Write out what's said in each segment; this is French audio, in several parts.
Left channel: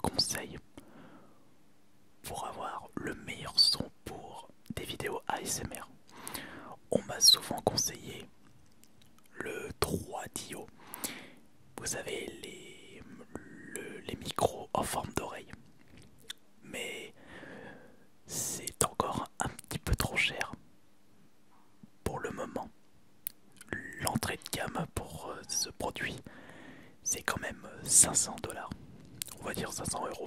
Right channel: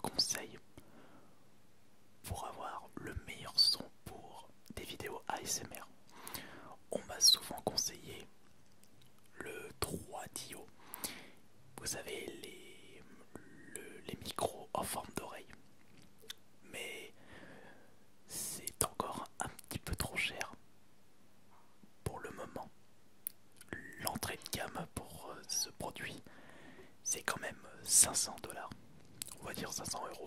meilleurs conseils pour avoir le meilleur son pour des vidéos ASMR. On m'a souvent conseillé le 3DO. Vous savez, les micros en forme d'oreille. Mais c'est encore un petit peu trop cher pour le moment. L'entrée de gamme pour ce produit, c'est quand même 500 $. On va dire 500 €.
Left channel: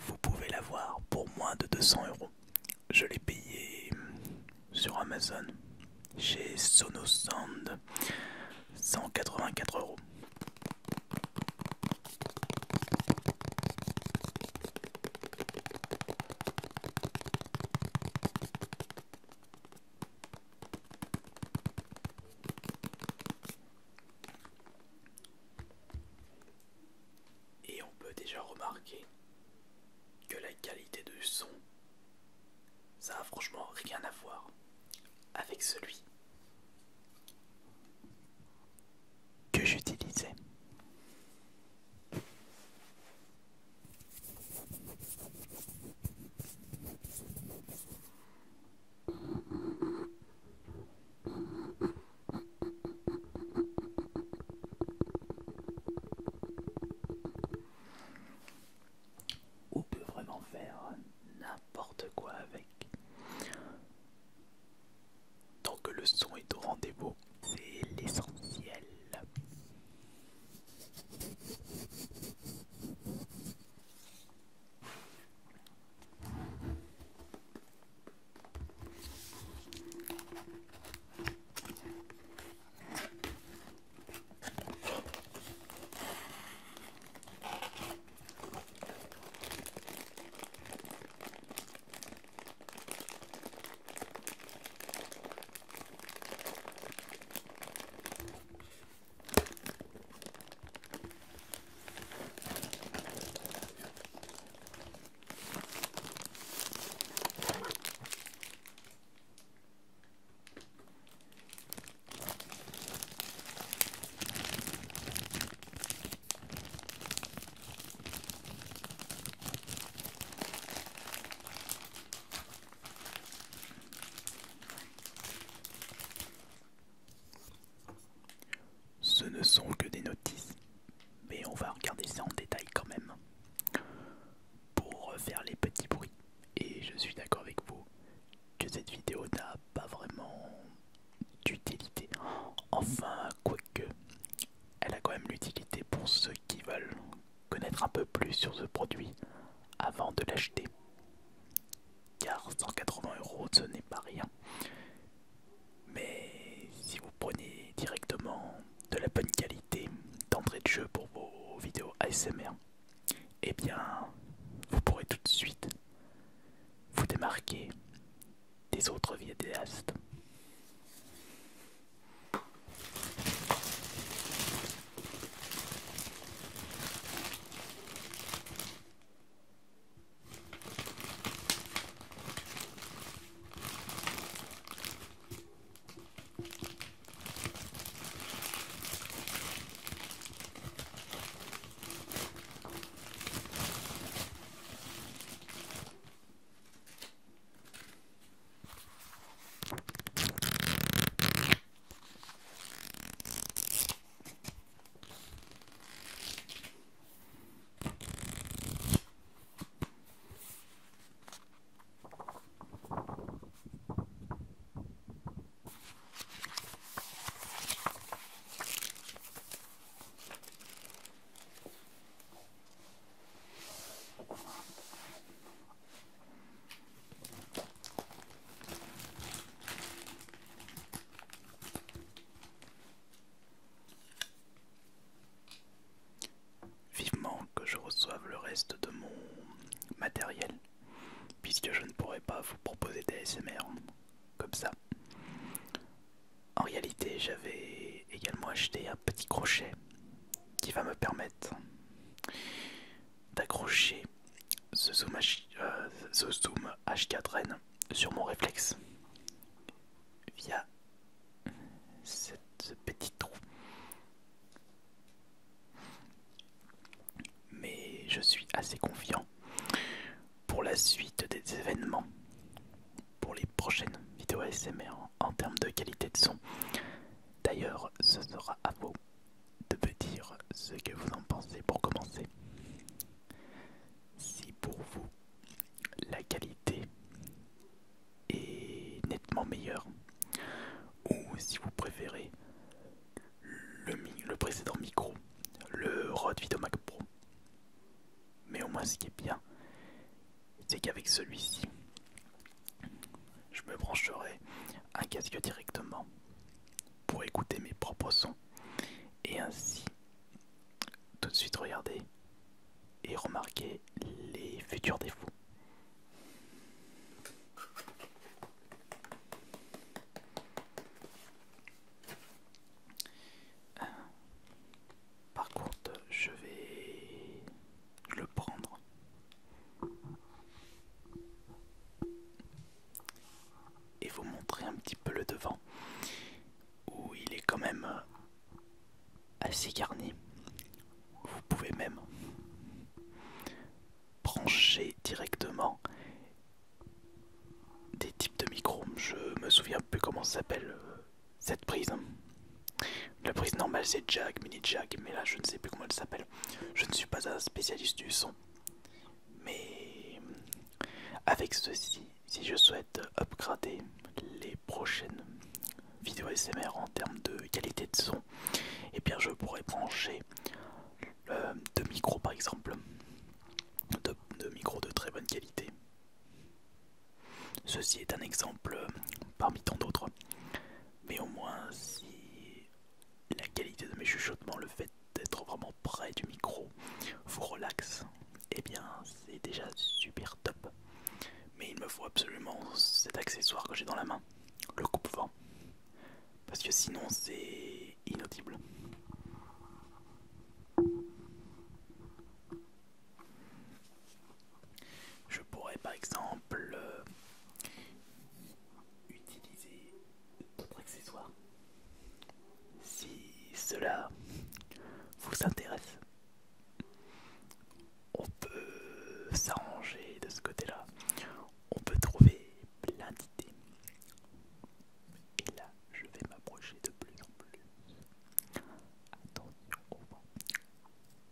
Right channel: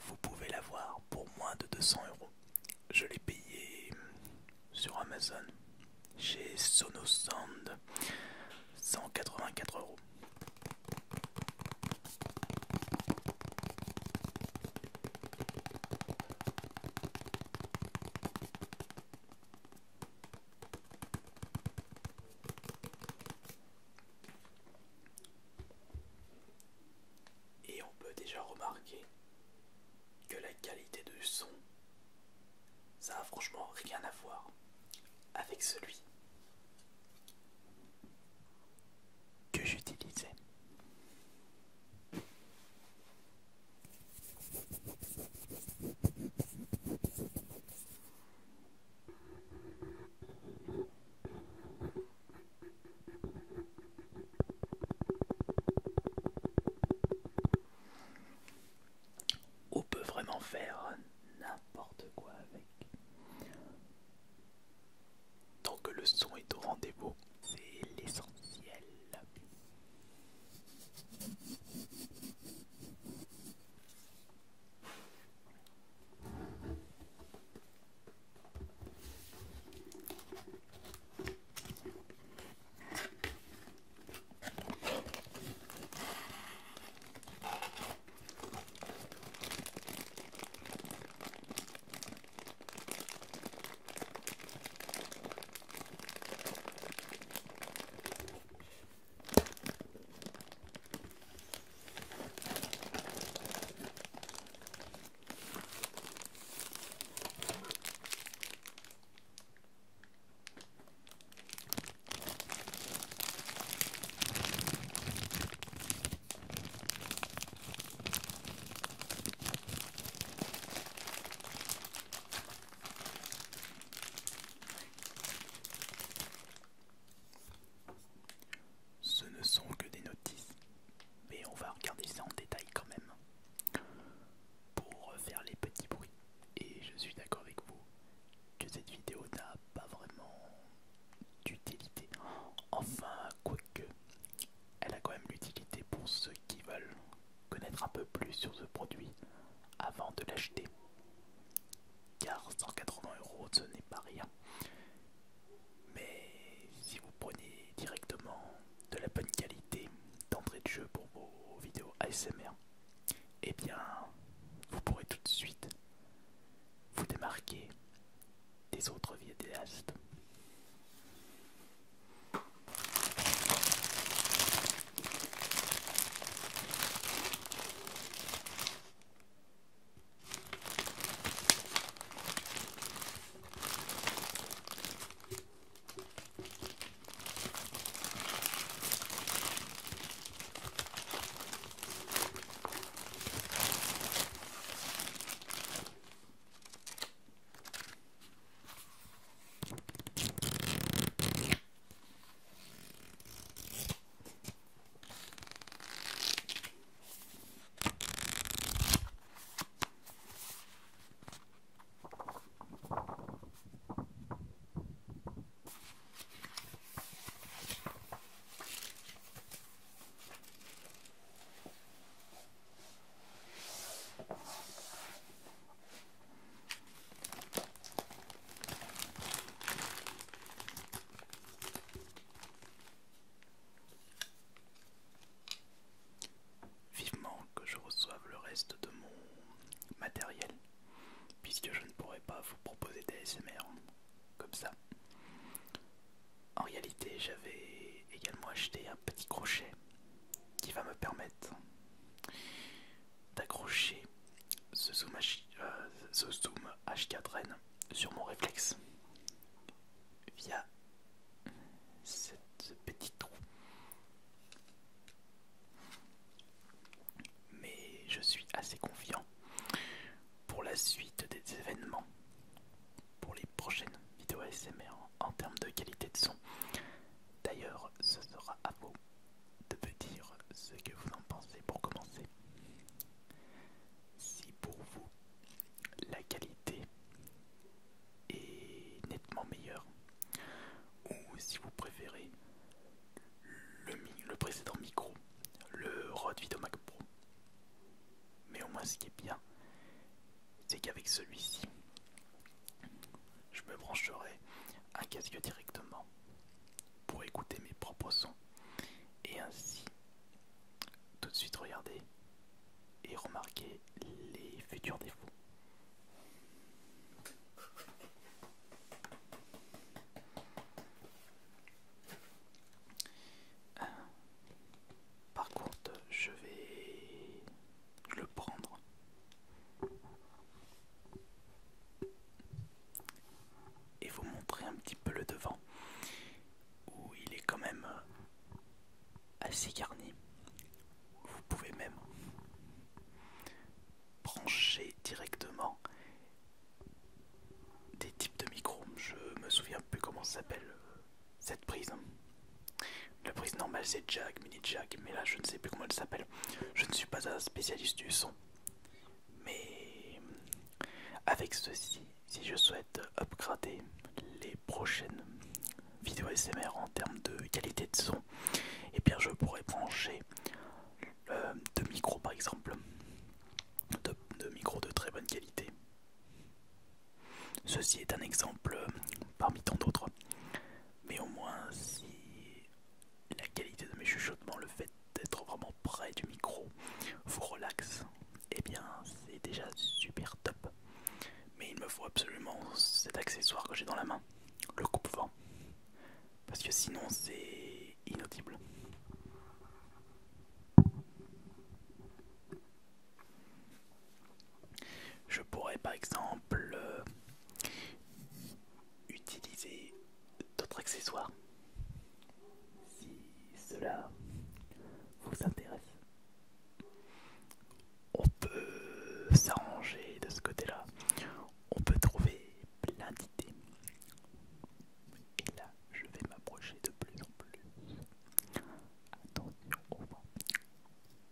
Vous pouvez l'avoir pour moins de 200 €. Je l'ai payé sur Amazon chez Sonosound, 184 €. Et on peut déjà remarquer que la qualité du son, ça a franchement rien à voir avec celui que j'utilisais. On peut vraiment faire n'importe quoi avec. Tant que le son est au rendez-vous, c'est l'essentiel. Ce ne sont que des notices, mais on va regarder ça en détail quand même pour faire les petits bruits. Et je suis d'accord avec vous que cette vidéo n'a pas vraiment d'utilité. Enfin, quoique, elle a quand même l'utilité pour ceux qui veulent connaître un peu plus sur ce produit avant de l'acheter. Car 180 € ce n'est pas rien. Mais si vous prenez directement de la bonne qualité d'entrée de jeu pour vos vidéos ASMR, eh bien vous pourrez tout de suite vous démarquer des autres vidéastes. Vivement que je reçoive le reste de mon matériel, puisque je ne pourrai pas vous proposer des ASMR comme ça. En réalité, j'avais également acheté un petit crochet qui va me permettre d'accrocher ce zoom H4n sur mon réflexe via ce petit trou. Mais je suis assez confiant pour la suite des événements, pour les prochaines vidéos ASMR en termes de qualité de son. D'ailleurs, ce sera à vous de me dire ce que vous en pensez pour commencer. Si pour vous, la qualité est nettement meilleure, ou si vous préférez le précédent micro, le Rode VideoMac Pro. Mais au moins ce qui est bien, c'est qu'avec celui-ci, je me brancherai un casque directement pour écouter mes propres sons et ainsi tout de suite regarder et remarquer les futurs défauts. Par contre, je vais le prendre et vous montrer un petit peu le devant où il est quand même assez garni. Vous pouvez même brancher directement des types de micros. Je me souviens plus comment ça s'appelle cette prise. La prise normale c'est jack, mini jack, mais là je ne sais plus comment elle s'appelle. Je ne suis pas un spécialiste du son. Mais avec ceci, si je souhaite upgrader les prochaines vidéos ASMR en termes de qualité de son, et bien je pourrais brancher deux micros par exemple, de micros de très bonne qualité. Ceci est un exemple parmi tant d'autres, mais au moins si la qualité de mes chuchotements, le fait d'être vraiment près du micro vous relaxe, et bien c'est déjà super top. Mais il me faut absolument cet accessoire que j'ai dans la main, le coupe-vent, parce que sinon c'est inaudible. Je pourrais par exemple utiliser d'autres accessoires si cela vous intéresse. On peut s'arranger de ce côté-là, on peut trouver plein d'idées. Et là, je vais m'approcher de plus en plus. Attention au vent.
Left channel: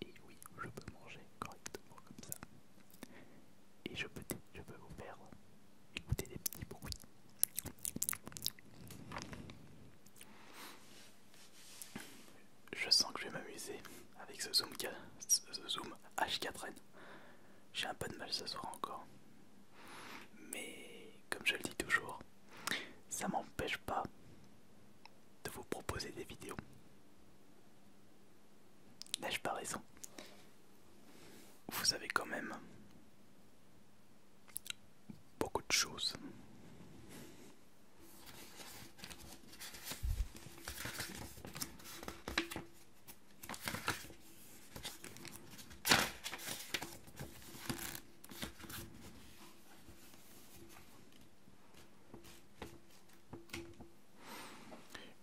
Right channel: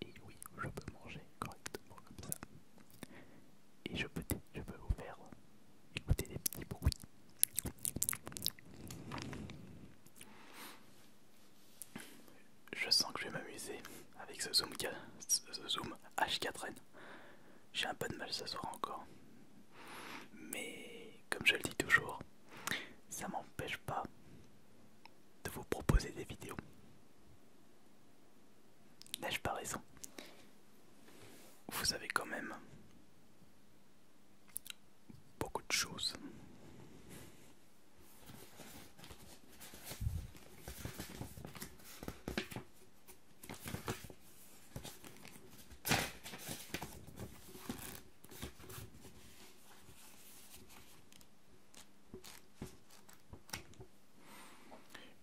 Et oui, je peux manger correctement comme ça. Et je peux vous faire écouter des petits bruits. Je sens que je vais m'amuser avec ce zoom H4n. J'ai un peu de mal ce soir encore. Mais comme je le dis toujours, ça m'empêche pas de vous proposer des vidéos. N'ai-je pas raison? Vous avez quand même beaucoup de choses.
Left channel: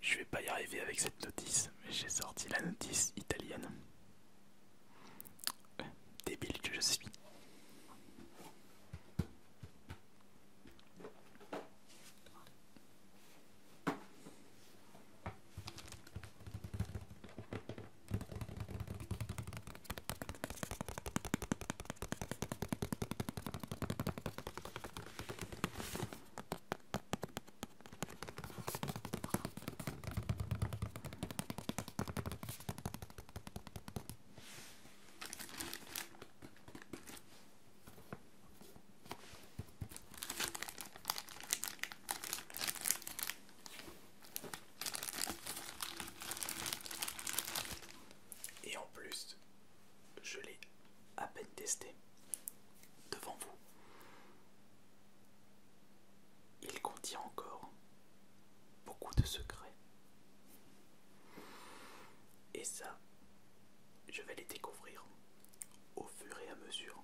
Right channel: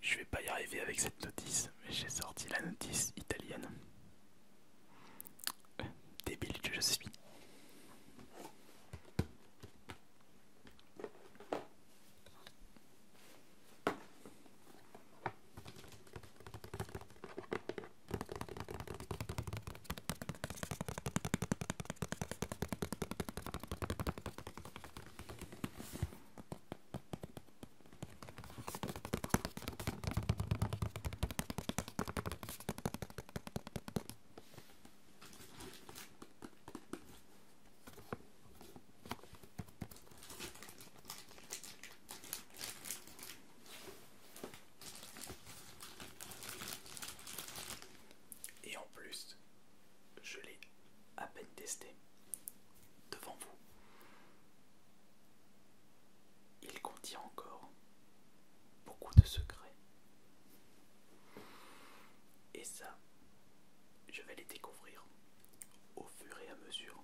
Je vais pas y arriver avec cette notice, mais j'ai sorti la notice italienne. Débile que je suis. Et en plus, je l'ai à peine testé devant vous. Il contient encore beaucoup de secrets. Et ça, je vais les découvrir au fur et à mesure